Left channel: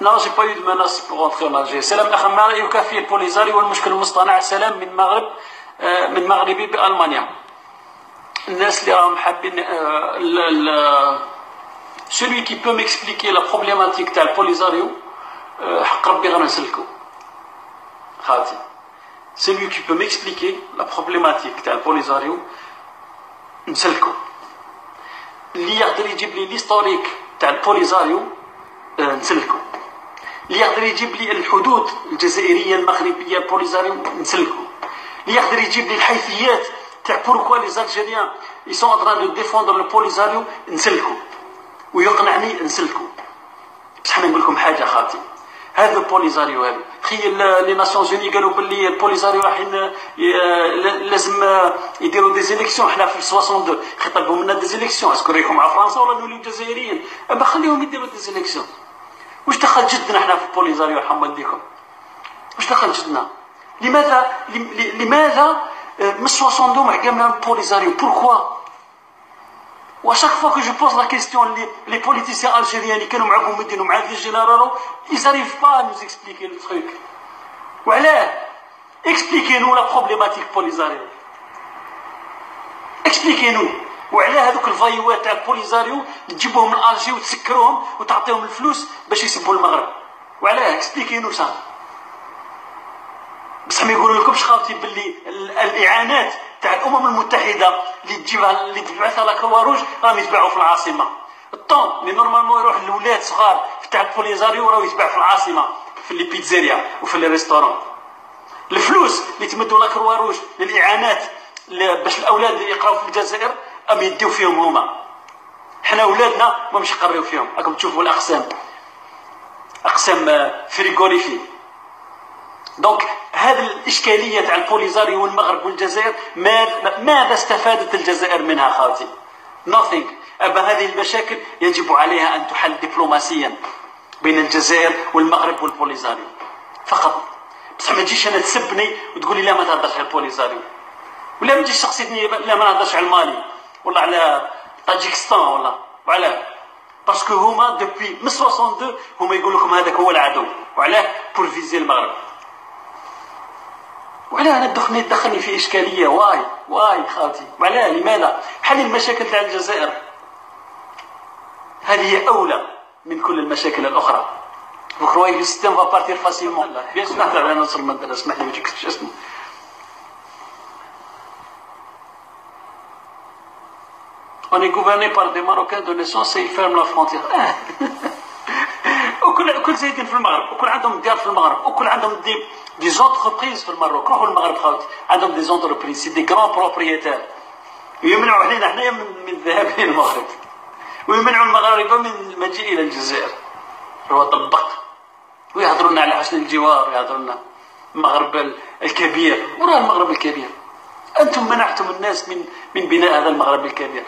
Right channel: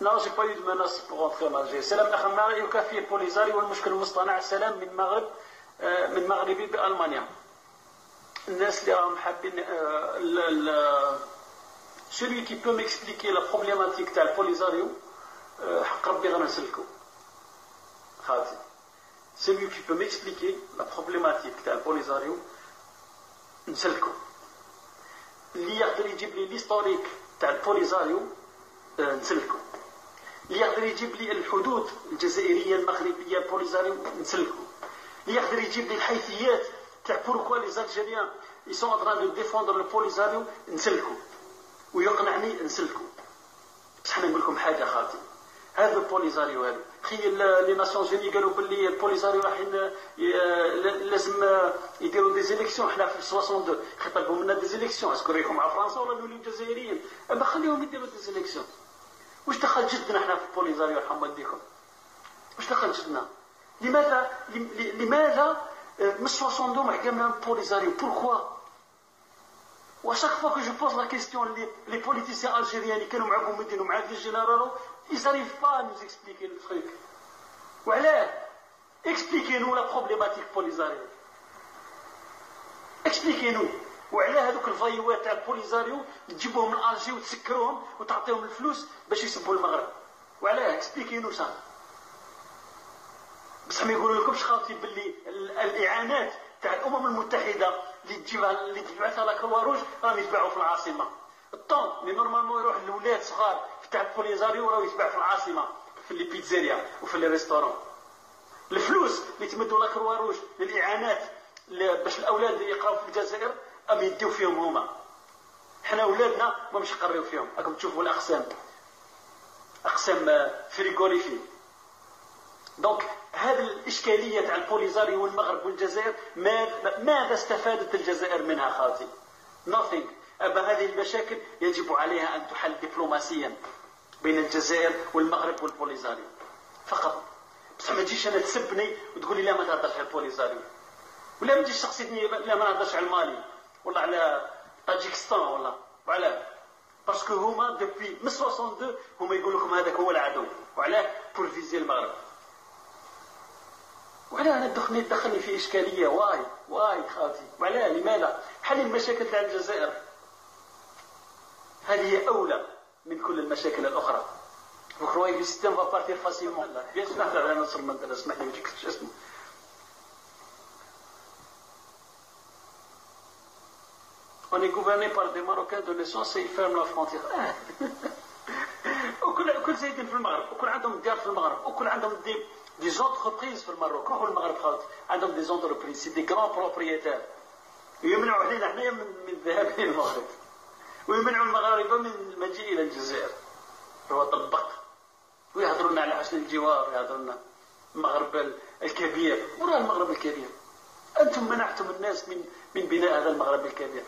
Non, j'ai pas eu de menace pour rentrer en Algérie. سلام الأخ ما رأيك في البوليزاريو والمشكل المصطنع؟ سلام من المغرب، من مغربي بألمانيا. الناس اللي راهم حابين celui qui peut m'expliquer la problématique تاع البوليزاريو حق ربي غير نسلكو خالتي. celui qui peut m'expliquer la problématique تاع البوليزاريو نسلكو. اللي يقدر يجيب لي ليستوريك تاع البوليزاريو نسلكو. اللي يقدر يجيب لي الحدود الجزائريه المغربيه البوليزاريو نسلكو. اللي يقدر يجيب لي الحيثيات تاع بوركوا لي زالجيريان ils sont en train de défendre le بوليزاريو نسلكو ويقنعني نسلكو. بصح انا نقول لكم حاجه خالتي، هذا البوليزاريو هذا تخيل لي ناسيونز اوني قالوا باللي البوليزاريو رايحين لازم يديروا دي زيليكسيون. حنا في 62 خطبوا منا دي زيليكسيون، اسكو رايكم مع فرنسا ولا نوليو جزائريين؟ اما خليهم يديروا دي زيليكسيون. واش دخل جدنا حنا في البوليزاريو يرحم والديكم؟ واش دخل جدنا؟ لماذا من 62 حكمنا البوليزاريو؟ بوركوا؟ وشاك فوا كو جو بوز لا كيستيون لي بوليتيسيان الجيريان اللي كانوا مع بومدين ومع في جينيرالو يزاريف با نوز اكسبليكي لو تروك. وعلاه؟ اكسبليكي نو لا بروبليماتيك بوليزاريو، اكسبليكي نو. وعلاه هذوك الفايوات تاع البوليزاريو تجيبوهم من الجي وتسكروهم وتعطيهم الفلوس باش يسبوا المغرب؟ وعلاه؟ اكسبليكي نو سا. بصح ما يقولوا لكمش خاوتي باللي الاعانات تاع الامم المتحده اللي تجيبها اللي تبعثها لا كروا روج راهم يتباعوا في العاصمه. الطون اللي نورمالمون يروح للولاد صغار تاع البوليزاريو راهو يتباع في العاصمه في لي بيتزيريا وفي لي ريستورون. الفلوس اللي تمدوا لا كروا روج للاعانات باش الاولاد يقراو في الجزائر ام يديو فيهم هما. حنا ولادنا ما مش يقريو فيهم. راكم تشوفوا الاقسام، اقسام فريغوريفي. دونك هذه الاشكاليه تاع البوليزاريو والمغرب والجزائر ماذا استفادت الجزائر منها خالتي؟ nothing. أما هذه المشاكل يجب عليها ان تحل دبلوماسيا بين الجزائر والمغرب والبوليزاريو فقط. بصح ما تجيش انا تسبني وتقول لي لا ما تهضرش على البوليزاريو، ولا ما تجيش تقصدني لا ما نهضرش على المالي ولا على طاجيكستان وعلاه؟ باسكو هما دوبوي من 62 هما يقول لكم هذاك هو العدو. وعلاه؟ بور فيزي المغرب. وعلاه انا دخلني في اشكاليه؟ واي خالتي. وعلاه؟ لماذا؟ حل المشاكل تاع الجزائر، هذه هي اولى من كل المشاكل الاخرى. Vous croyez que le système va partir facilement? Bien sûr. نهضر على نصر المندله، اسمح لي ما تجيكش اسمه. On est gouverné par des Marocains de naissance et ils ferment la frontière. وكل زايدين في المغرب، وكل عندهم ديار في المغرب، وكل عندهم دي زونتربريز في المغرب. روحوا المغرب خاوتي، عندهم دي زونتربريز سي دي غران بروبريتير. ويمنعوا علينا حنايا من الذهاب الى المغرب، ويمنعوا المغاربه من المجيء الى الجزائر. هو طبق ويهضروا لنا على حسن الجوار، يهضروا لنا المغرب الكبير. وراه المغرب الكبير، انتم منعتم الناس من بناء هذا المغرب الكبير.